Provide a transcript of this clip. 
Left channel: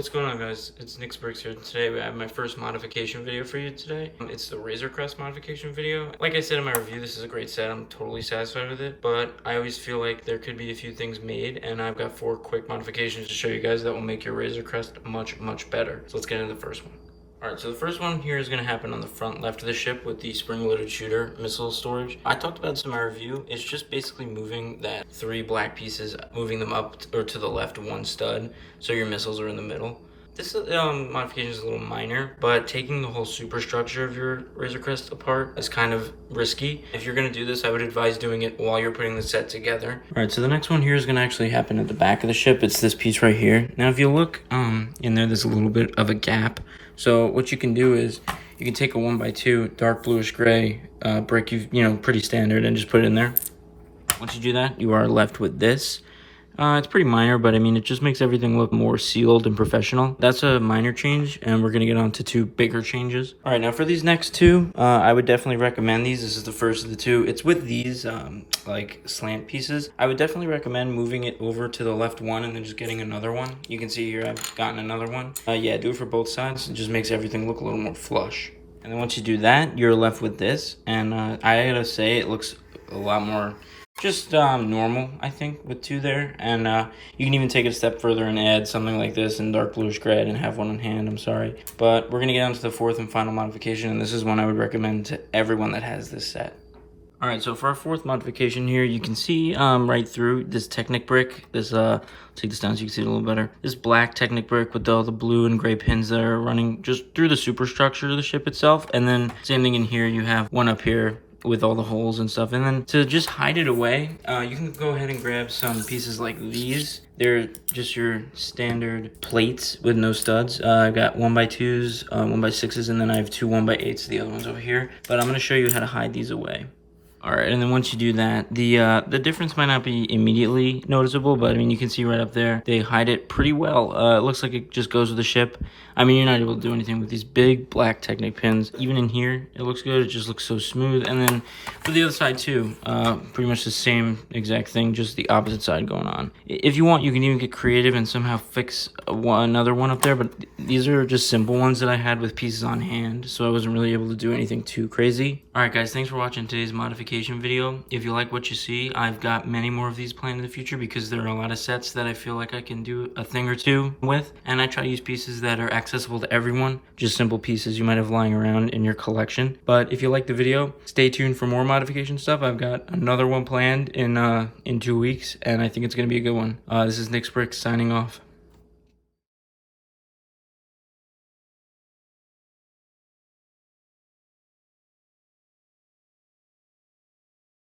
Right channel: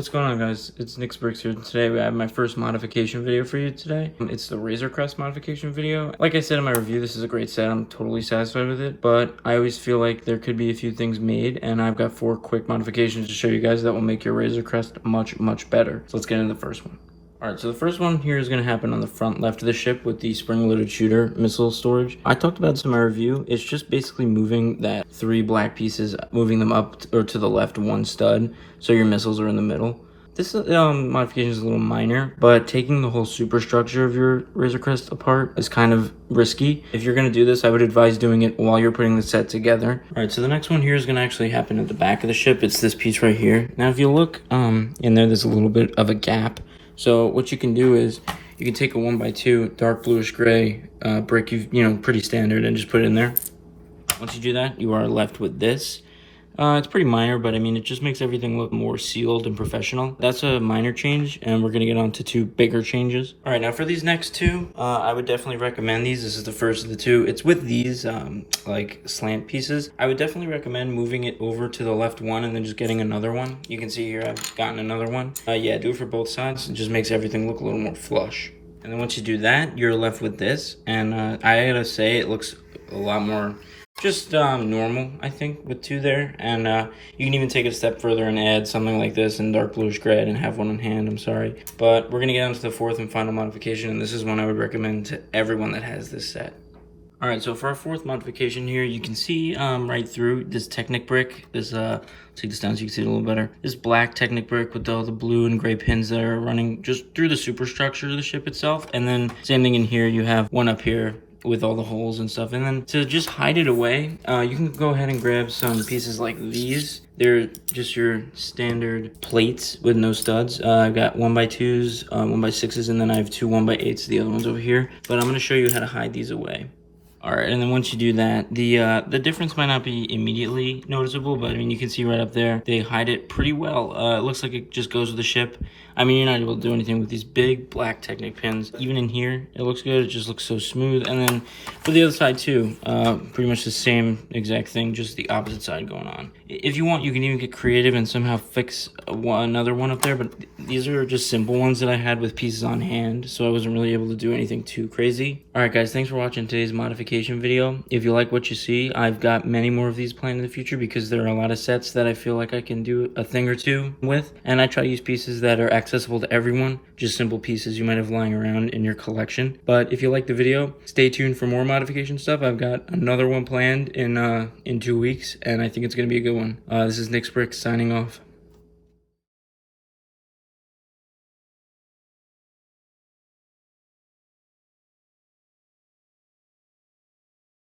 What's going on, guys? It's Nick's Bricks here. Today I have my first modification video for you today. It's the Razor Crest modification video. Like I said in my review, this is a great set. I'm totally satisfied with it, but I always feel like there could be a few things made, and I've got 4 quick modifications to show you guys that will make your Razor Crest much better. So let's get into the first one. Alright, so the first one here is going to happen on the front left of the ship with the spring-loaded shooter missile storage. I talked about this in my review. It's just basically moving that 3 black pieces, moving them up or to the left 1 stud, so your missiles are in the middle. This modification is a little minor, but taking the whole superstructure of your Razor Crest apart is kind of risky. If you're going to do this, I would advise doing it while you're putting the set together. Alright, so the next one here is going to actually happen at the back of the ship. It's this piece right here. Now, if you look in there's a little bit of a gap. So what you can do is you can take a 1x2 dark bluish gray brick, pretty standard, and just put it in there. Once you do that, you are left with this. It's pretty minor, but I mean, it just makes everything look more sealed and professional. That's a minor change, and we're gonna get on to 2 bigger changes. All right, now for these next 2, I would definitely recommend these. This is the first of the 2. It's with these like slant pieces. I would definitely recommend moving it over to the left one and then just getting another one. You can see here I've gotten another one. Yeah, do it for both sides. It just makes everything look a little more flush. And then once you do that, you're left with this, and I gotta say it looks a lot more just normal, I think, with 2 there. And you can even take it a step further and add something like this in dark bluish gray. I didn't have one on hand, I'm sorry. But we're gonna get on to the 4th and final modification, and this is one I would recommend to everyone that has this set. All right, so for our 4th modification here, you can see right through this Technic brick, this, let's take this down so you can see it a little better. This black Technic brick with all the blue and gray pins that are running just through the superstructure of the ship itself. And then same thing in here, you have one up here with all the holes and stuff. And then to just hide it away, you can go ahead and grab some pieces like these. They're just your standard plates with no studs. I've got 1x2s, 1x6s, and then I have 2 1x8s, the other ones over here. But I'm gonna show you how to hide these away. All right, and then once you do that, the difference might not be immediately noticeable, but I mean, you can see right up there, they hide it pretty well. It looks like it just goes with the ship. I mean, you're not able to do anything with these big black Technic pins. Even in here, it looks good. It just looks so smooth. And then for the other side too, pretty much the same exact thing, just the opposite side going on. If you want, you can even get creative and somehow fix another one up there, but these are just simple ones that I had with pieces on hand, so I wasn't really able to do anything too crazy. All right, guys, thanks for watching today's modification video. If you like what you see, I've got many more of these planned in the future because there are a lot of sets that I feel like I can do a thing or 2 with, and I try to use pieces that are accessible to everyone, just simple pieces you might have lying around in your collection. But if you like the video, stay tuned for more modification stuff. I've got another one planned in 2 weeks, and I think it's gonna be a good one. This is Nick's Bricks signing off.